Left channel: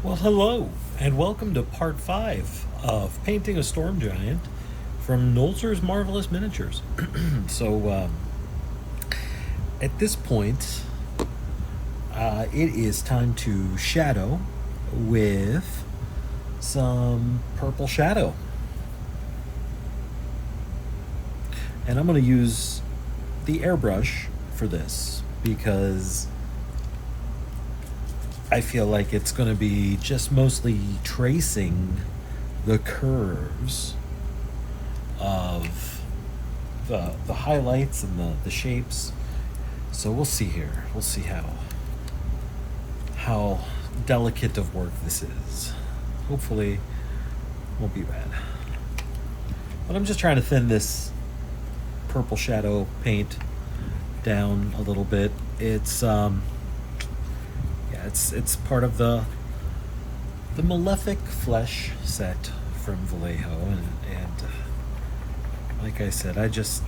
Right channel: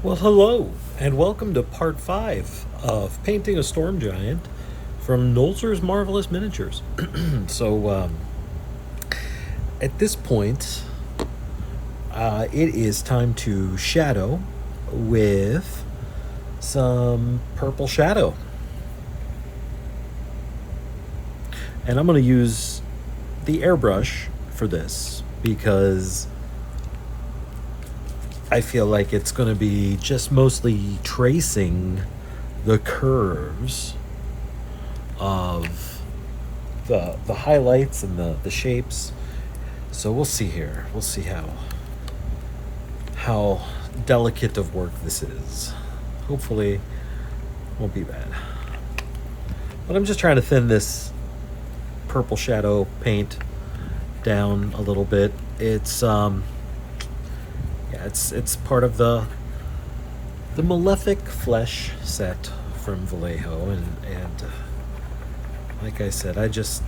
Well, hello, and welcome to part 5 of Painting a Storm Giant from Nolzur's Marvelous Miniatures. So, at this point, it is time to shadow with some purple shadow. And I'm going to use the airbrush for this because I feel like it's going to be just mostly tracing the curves of the highlights and the shapes. So we'll see here. We'll see how delicate of work this is. Hopefully won't be bad. But I'm just trying to thin this purple shadow paint down a little bit. It's it's part of the Malefic Flesh set from Vallejo, and like I said, I just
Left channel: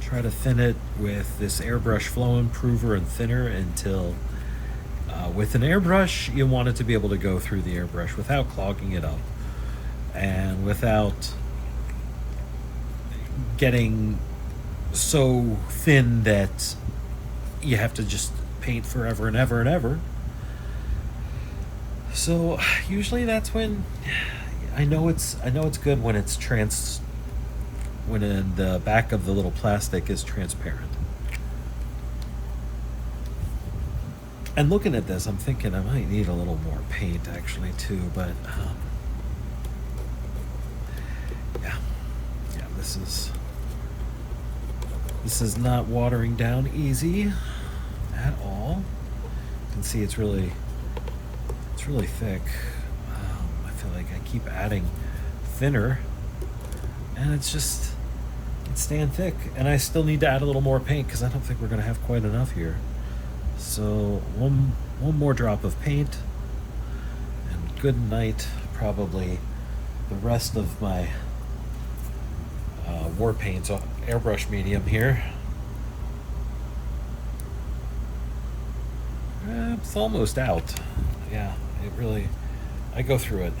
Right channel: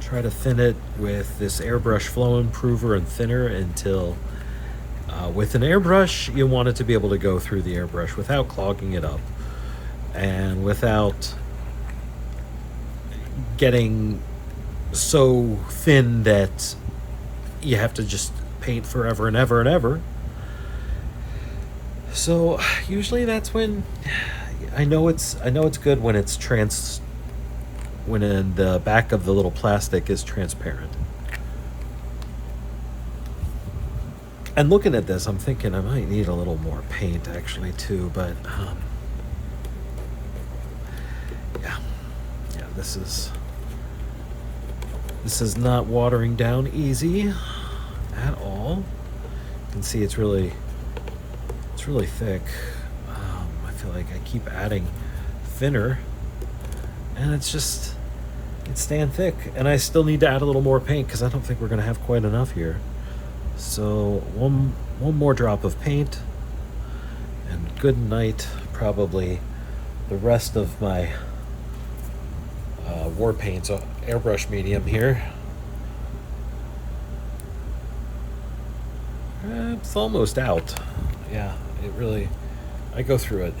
try to thin it with this airbrush flow improver and thinner until with an airbrush you want it to be able to go through the airbrush without clogging it up and without getting so thin that you have to just paint forever and ever and ever. So usually that's when I know it's good when it's when in the back of the little plastic is transparent. And looking at this, I'm thinking I might need a little more paint actually too, but yeah, this is not watering down easy at all. You can see it's really thick. I feel like I keep adding thinner, and it's staying thick. And I still need to add a little more paint because I don't think we're going to have quite enough here. So one more drop of paint, and good night. Probably the rest of my war paints airbrush medium here. It's almost out. Yeah, I go through it.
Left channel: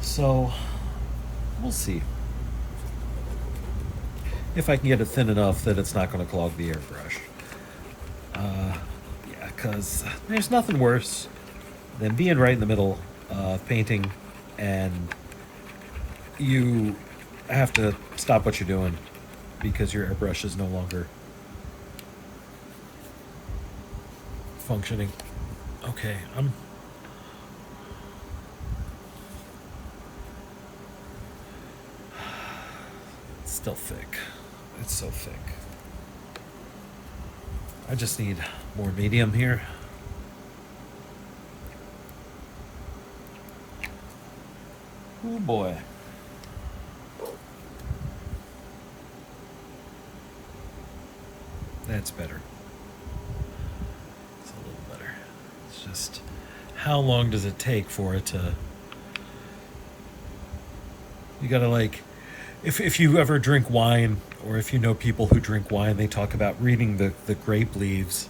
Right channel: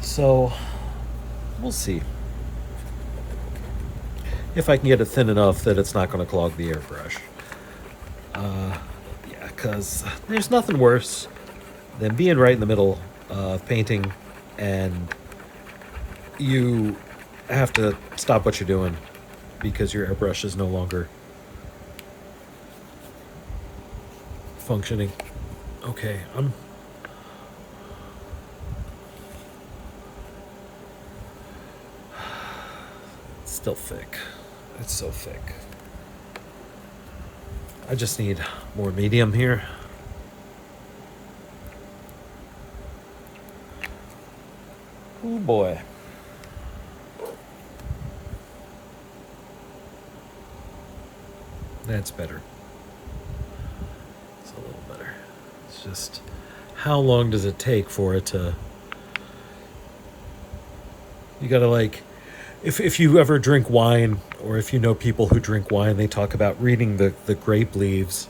So, we'll see if I can get it thin enough that it's not going to clog the airbrush. Yeah, because there's nothing worse than being right in the middle of painting and you have to stop what you're doing because your airbrush is no longer functioning. Okay, it's still thick. It's so thick. I just need more medium here. Oh boy. That's better. It's a little better. It's just, how long does it take for it to... You gotta if you ever drink wine, or if you know people who drink wine, they talk about reading the grape leaves.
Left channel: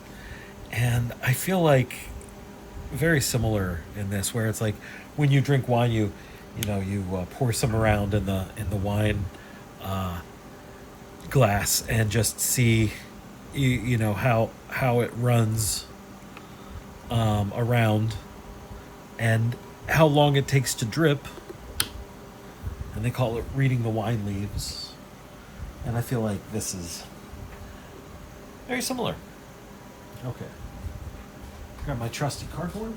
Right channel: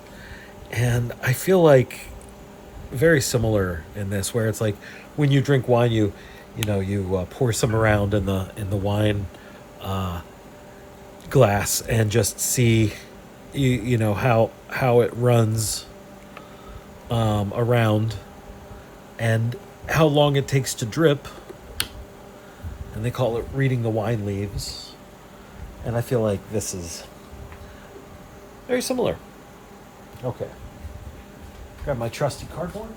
And I feel like very similar in this, where it's like when you drink wine, you pour some around in the wine glass and just see you know how it runs around and how long it takes to drip, and they call it reading the wine leaves. And I feel like this is very similar. Okay, grab my trusty cardboard,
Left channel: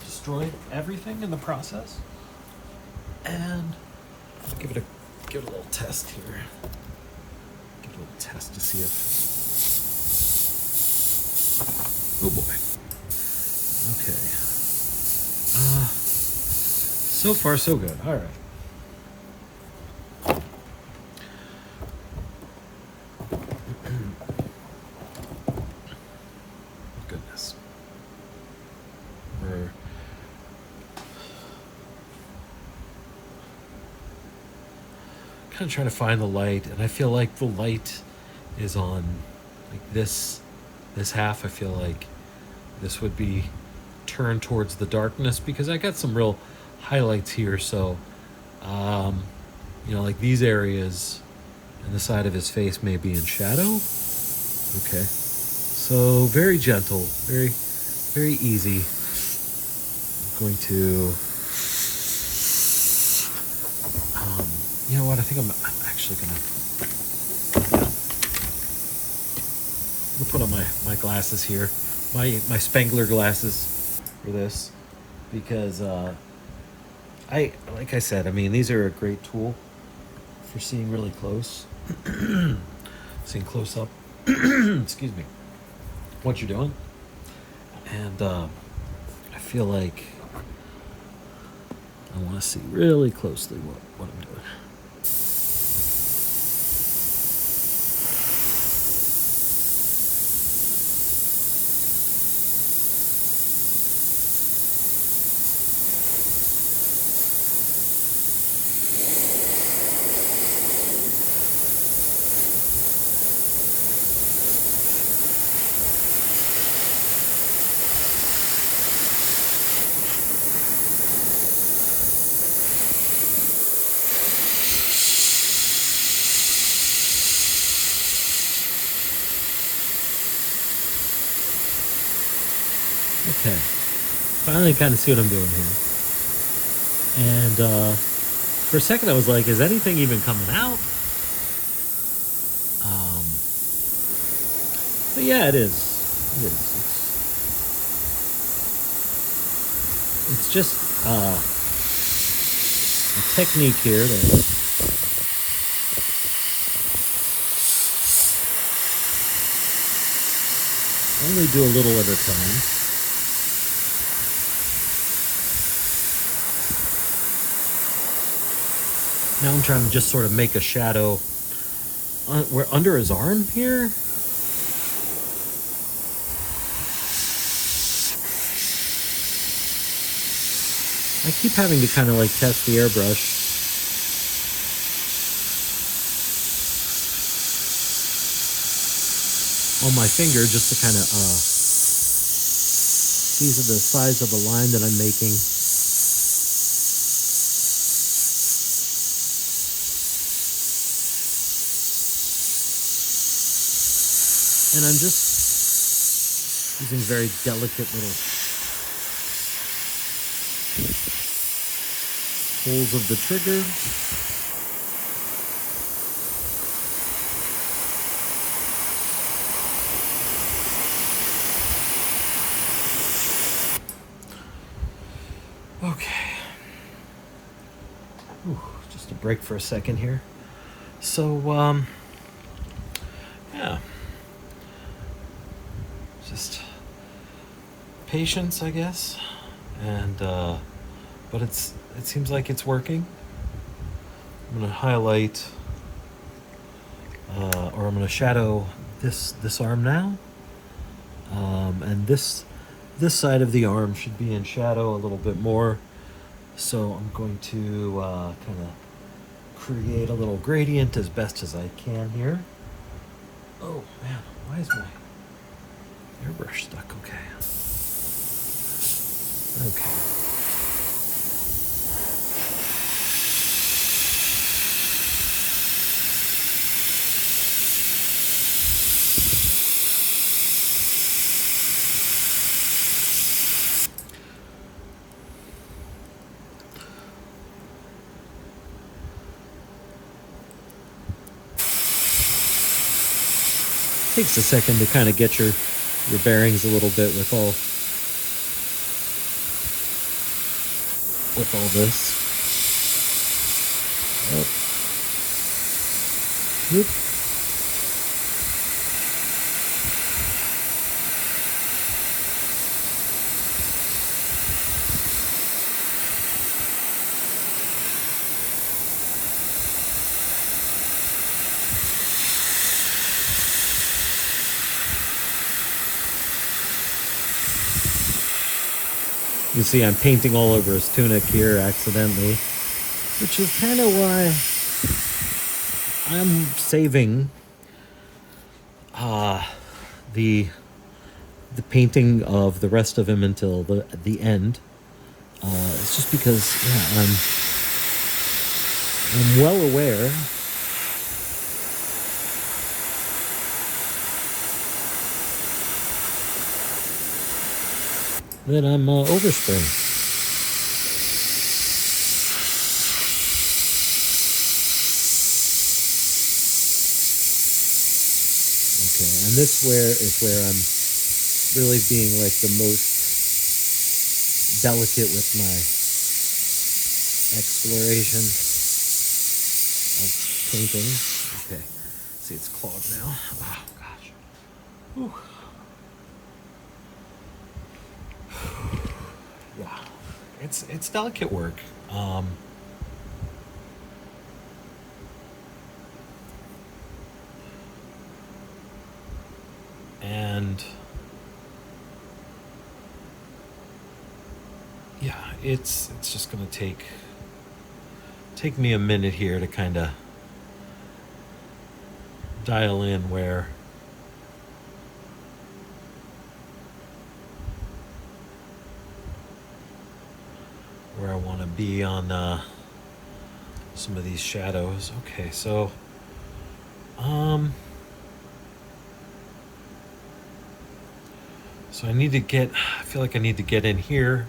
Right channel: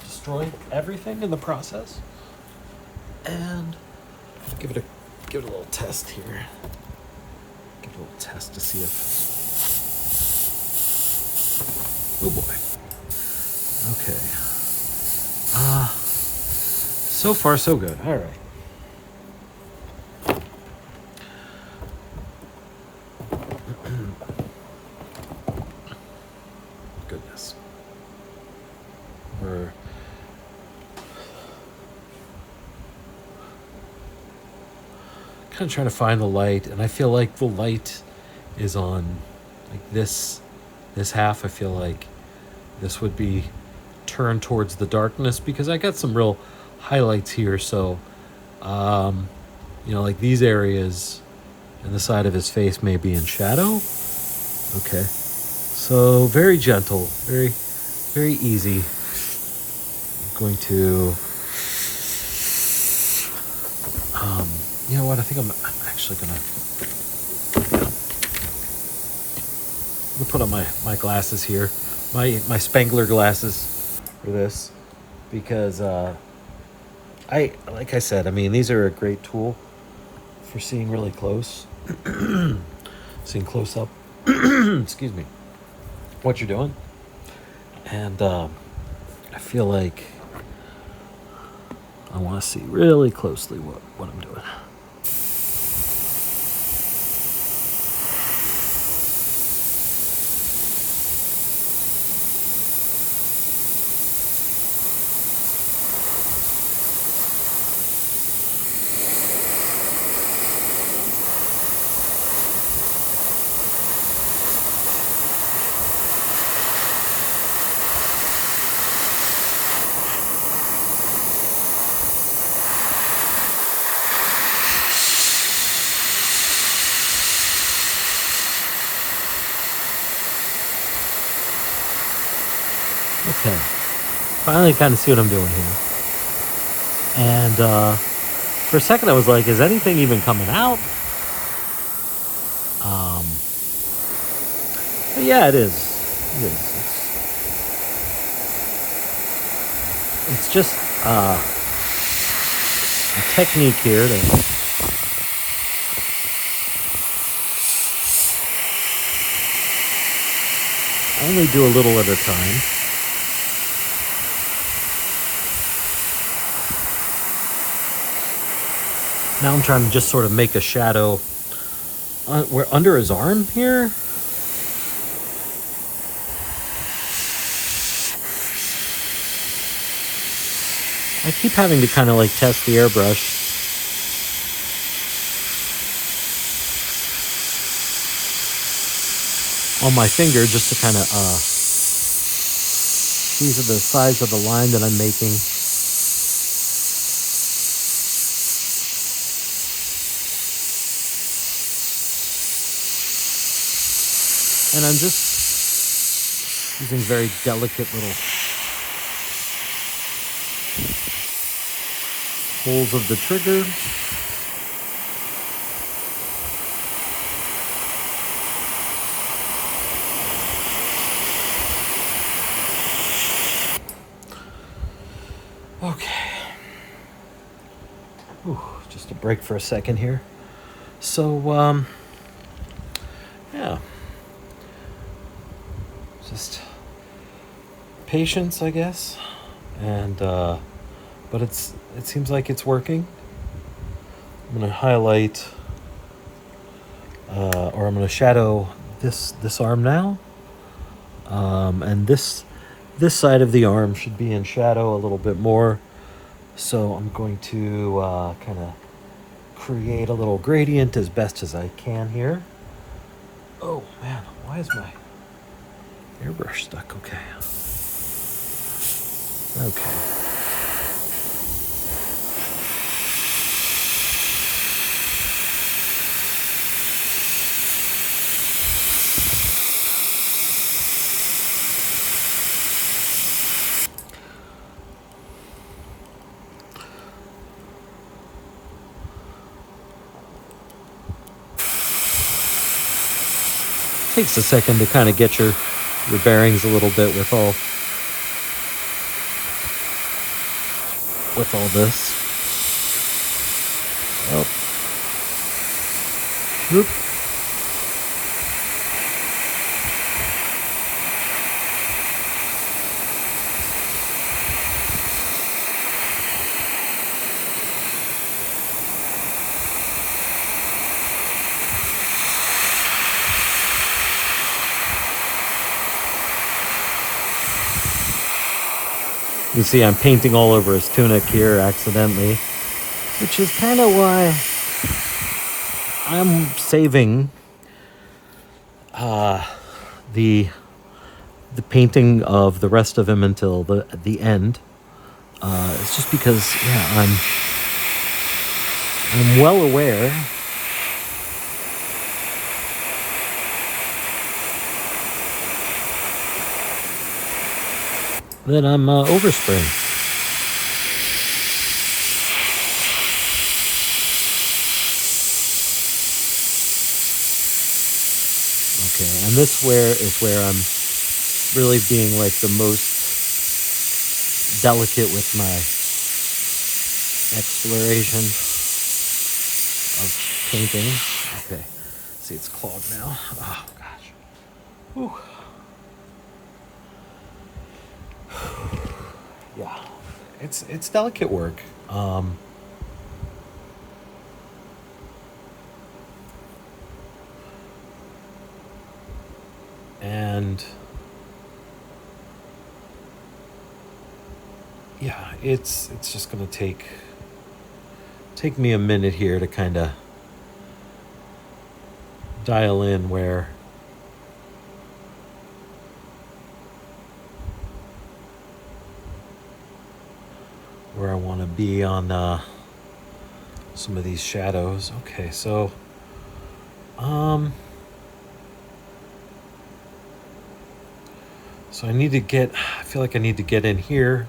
destroyed everything in the process, and give it a little test here. Give it a little test to see if... Oh boy. Okay. So far so good. All right. Goodness. We're kind of trying to find the light, and I feel like the light is on like this this half, I feel like this would be turned towards the darkness because I got some real highlights here. So, like these areas and the side of his face may be in shadow. Okay. So very gentle, very, very easy. I'm going to, you know what? I think I'm actually gonna put on my glasses here, my Spangler glasses for this, because like I said, I mean, these are a great tool for seeing really close, seeing close up. Excuse me. What you're doing, and I feel like I want to see really closely what I'm doing. Okay, finally kind of see what I'm doing here. And for a second I was like, is anything even coming out? But yeah, it is. It is. It's just a technique here to only do a little at a time. Now I'm trying to just sort of make a shadow where under his arm here. I keep having to kind of like test the airbrush. On my finger just to kind of, these are the size of the line that I'm making. And I'm just using very delicate little pulls of the trigger. Okay. Ooh, just a break for a second here. So, yeah. Just patience, I guess. And, but it seems like it's working. I'm going to highlight, or I'm going to shadow this arm now. And this side of the arm should be in shadow a little bit more. So I'm going to kind of create a little gradient as best as I can here. Oh man, why is my airbrush stuck? Okay. Takes a second to kind of get your bearings a little bit with all this. Oh. Whoop. You see I'm painting all over his tunic here accidentally, which is kind of why I'm saving the the painting of the rest of him until the end. It's just because, yeah, I'm well aware that I'm overspraying. Okay, and this is where I'm really being like the most delicate with my exploration of painting. Okay, see, it's clogged now. Oh gosh. Whew. Yeah, it's delicate work. And yeah, it's just gonna take me a minute here to kind of dial in where I want to be on some of these shadows. Okay, so so I feel like I need to get in here,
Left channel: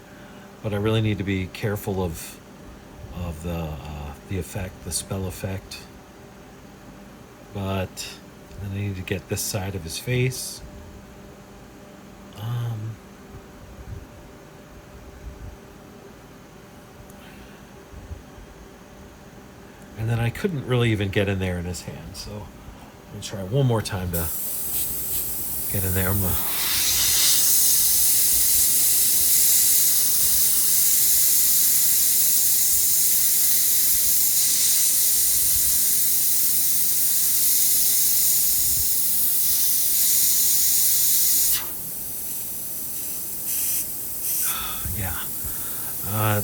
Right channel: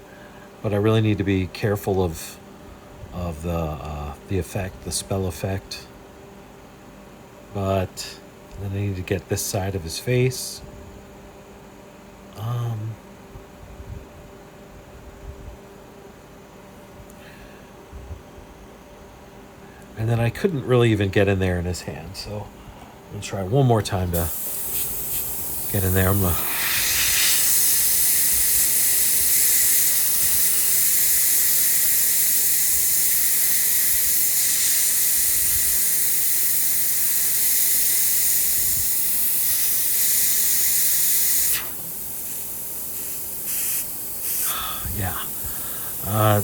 but I really need to be careful of the effect, the spell effect. But then I need to get this side of his face. And then I couldn't really even get in there in his hand, so I'm gonna try one more time to get in there. I'm gonna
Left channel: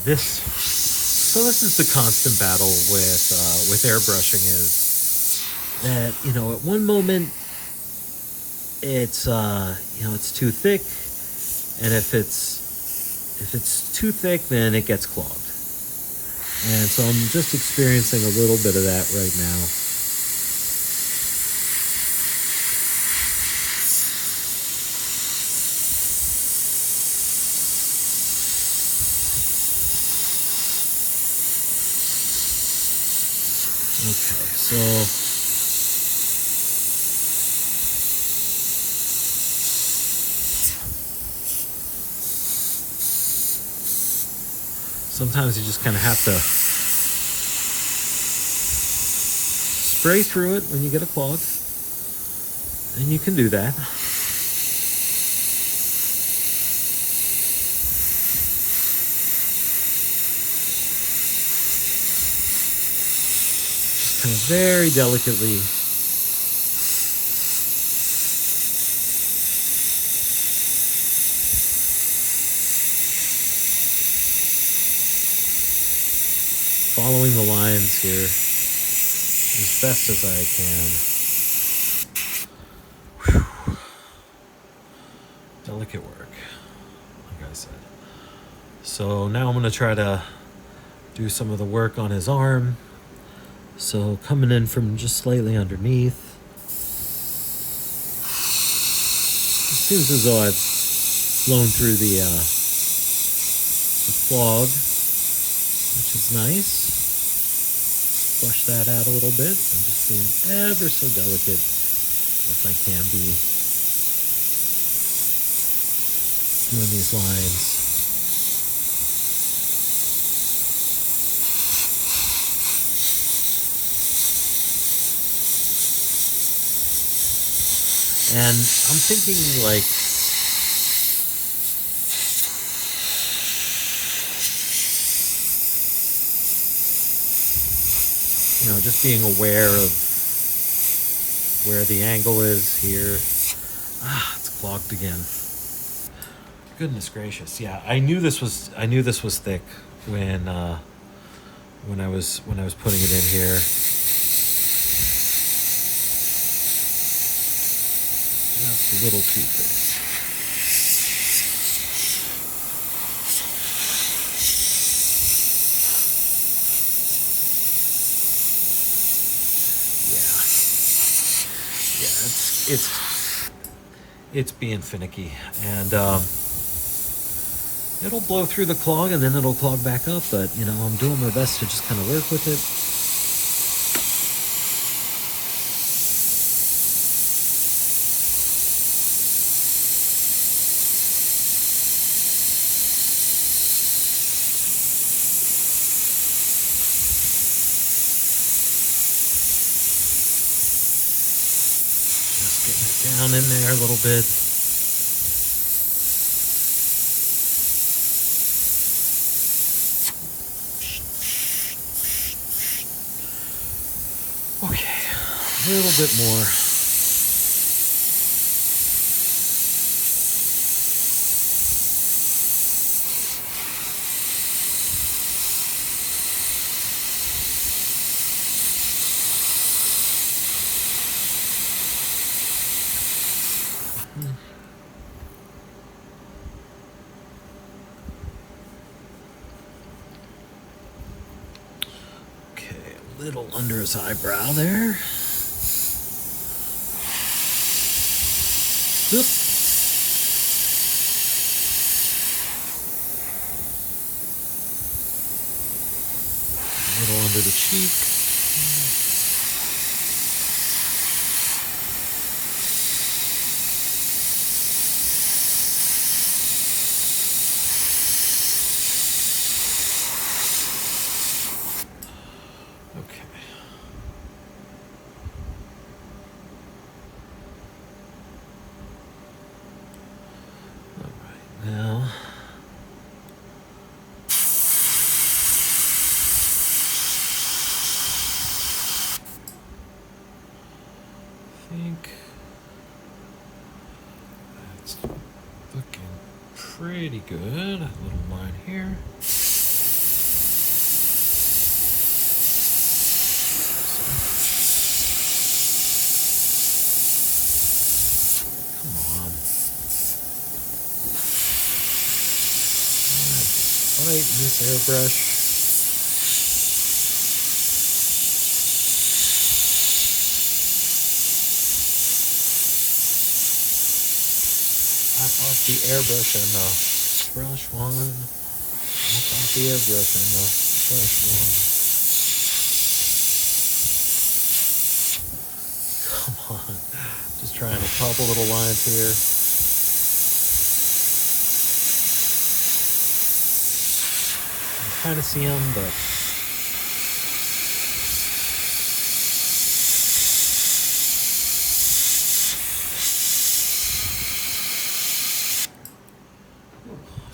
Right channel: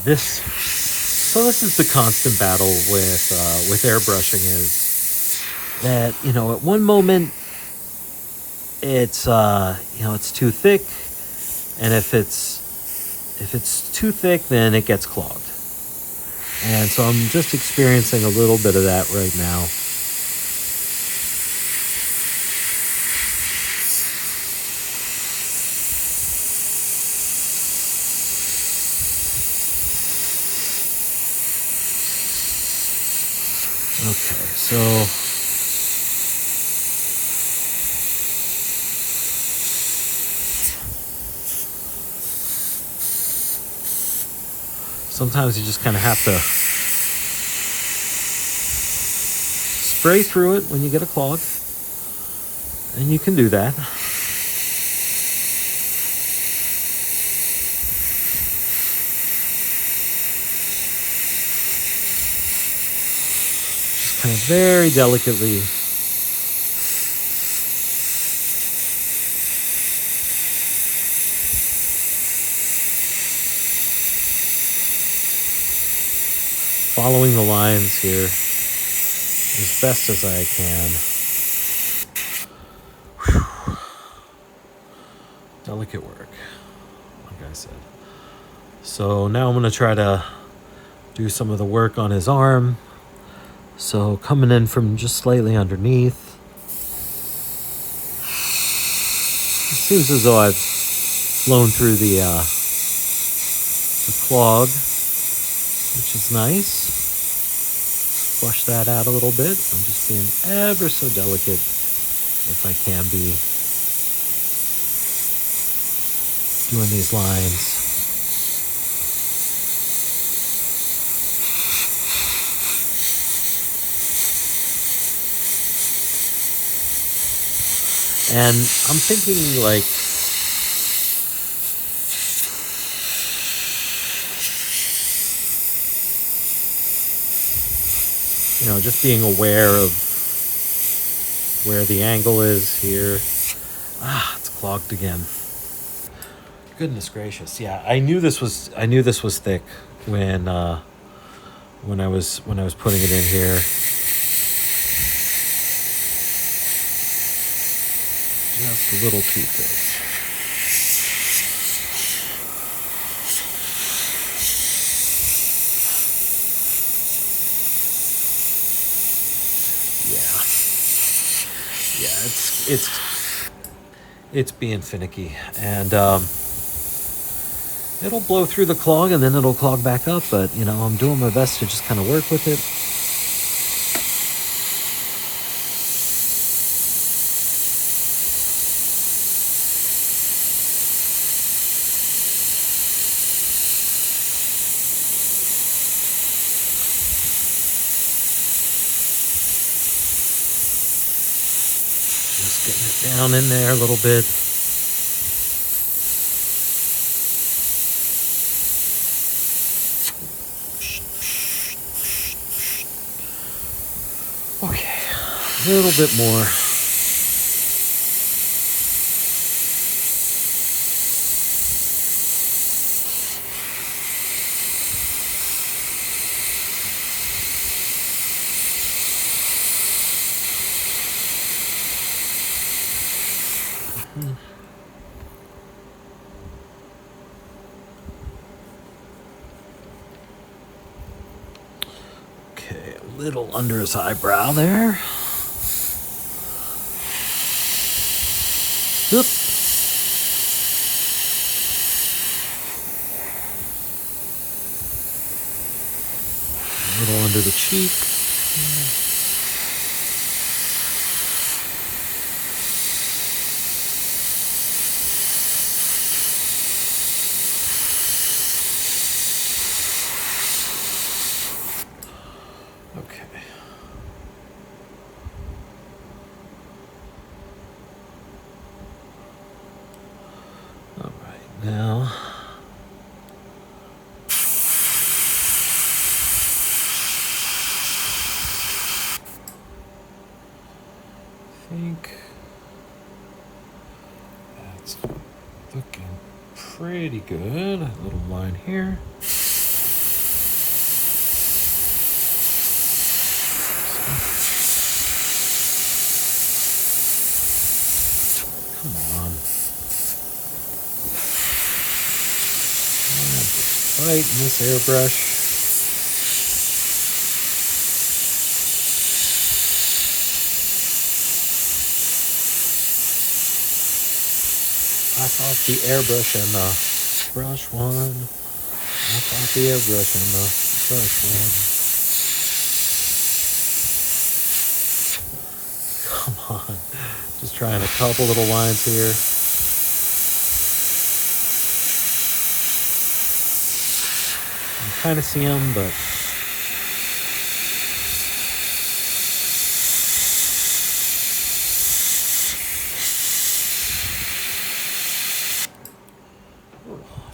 this is the constant battle with airbrushing, is that, you know, at one moment it's it's too thick, and if it's too thick, then it gets clogged. And so I'm just experiencing a little bit of that right now. Okay, so sometimes you just kind of have to spray through it when you get a clog, and you can do that. Just kind of very delicately. Following the lines here as best as I can. Whew. Delicate work, like I said. So now I'm going to try to do some of the work on his arm. So coming in from just slightly underneath. It seems as though I've flown through the clog, which is nice. Flush that out a little bit. I'm just being ever so delicate, if I can be, doing these lines. And I'm thinking, like, you know, just being aware of where the angle is here. It's clogged again. Goodness gracious. Yeah, I knew this was thick when I was putting it in here. Just a little too thick. it's being finicky, and it'll blow through the clog and then it'll clog back up. But you know, I'm doing my best to just kind of work with it. Just getting it down in there a little bit. Okay, a little bit more. Okay, a little under his eyebrow there. Oop. A little under the cheek. Okay. All right, now I think that's looking pretty good. A little line here. Come on. Just right in this airbrush. Off the airbrush and the brush one. Off the airbrush and the brush one. Come on. Just trying a couple little lines here. I kind of see them, but I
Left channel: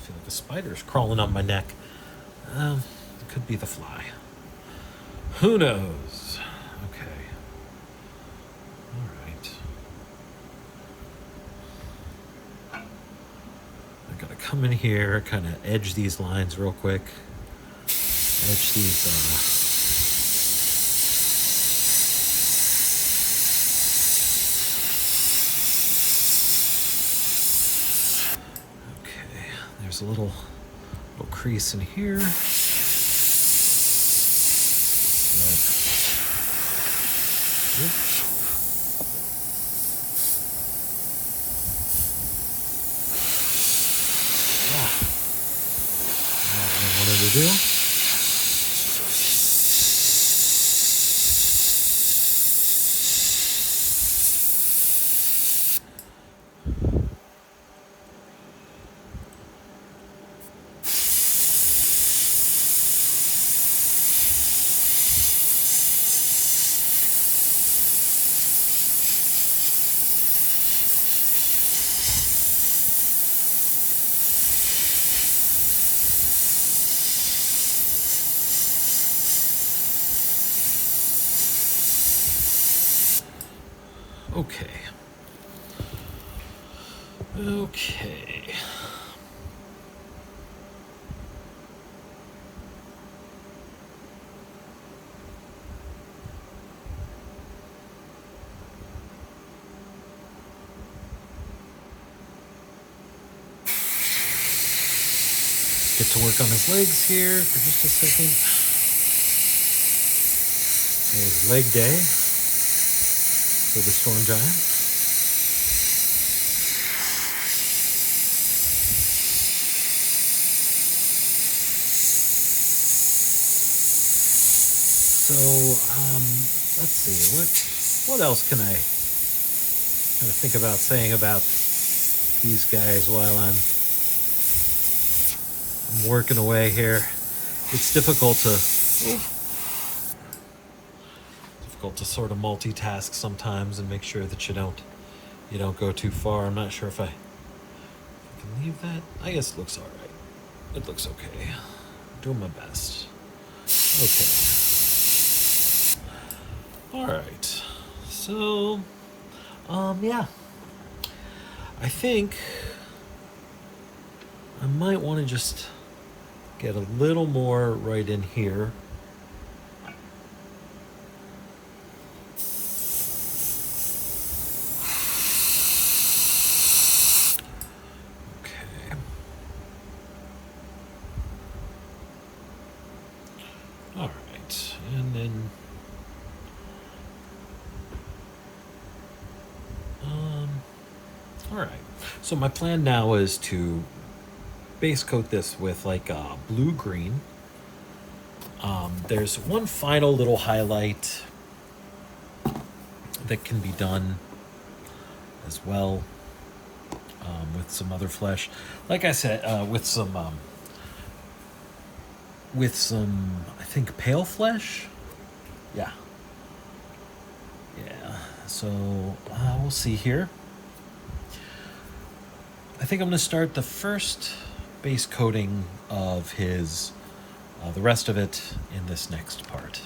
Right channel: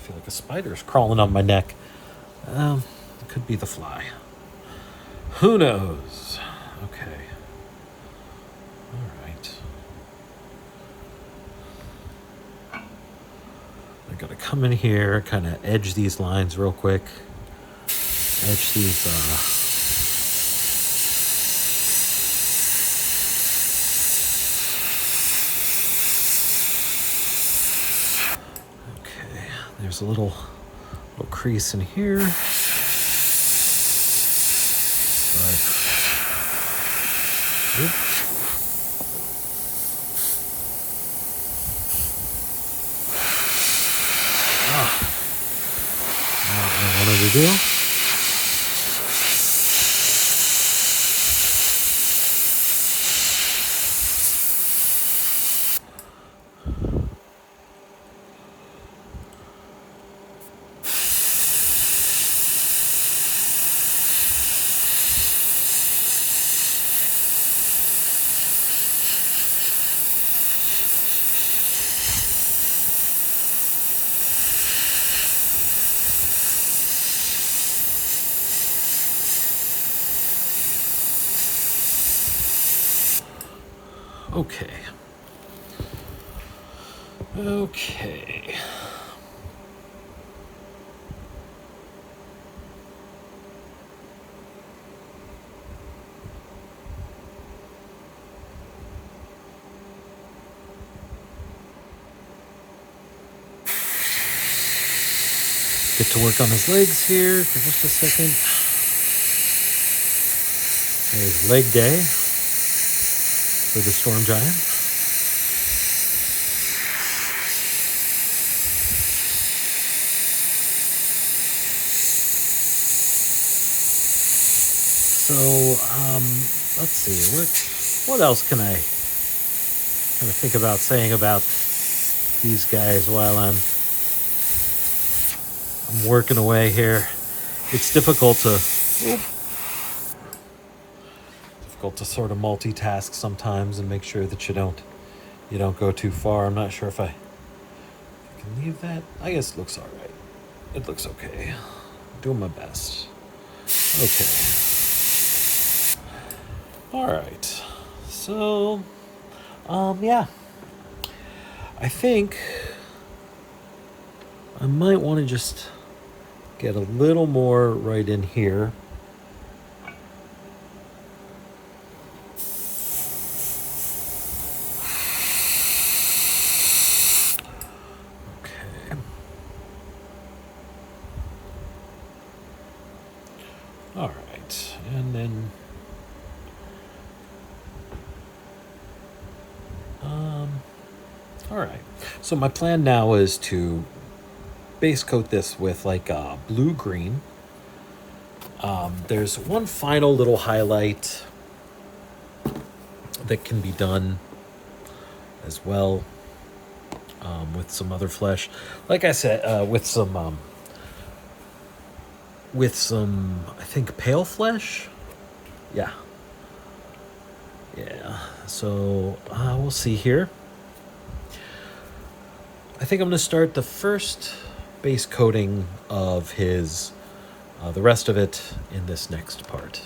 feel like a spider's crawling up my neck. It could be the fly. Who knows? Okay. All right. I gotta come in here, kind of edge these lines real quick. Edge these. Okay. There's a little crease in here. Right. Not what I wanted to do. Okay. Okay. Get to work on his legs here for just a second. There's leg day for the storm giant. So, let's see. What else can I kind of think about saying about these guys while I'm working away here? It's difficult to sort of multitask sometimes and make sure that you don't go too far. I'm not sure if I can leave that. I guess it looks all right. It looks okay. I'm doing my best. Okay. All right. So, yeah. I think I might want to just get a little more right in here. Okay. All right. And then all right. So my plan now is to base coat this with like blue-green. There's one final little highlight that can be done as well with some other flesh. Like I said, with some, I think, pale flesh. Yeah. Yeah. So we'll see here. I think I'm going to start the first base coating of his, the rest of it in this next part.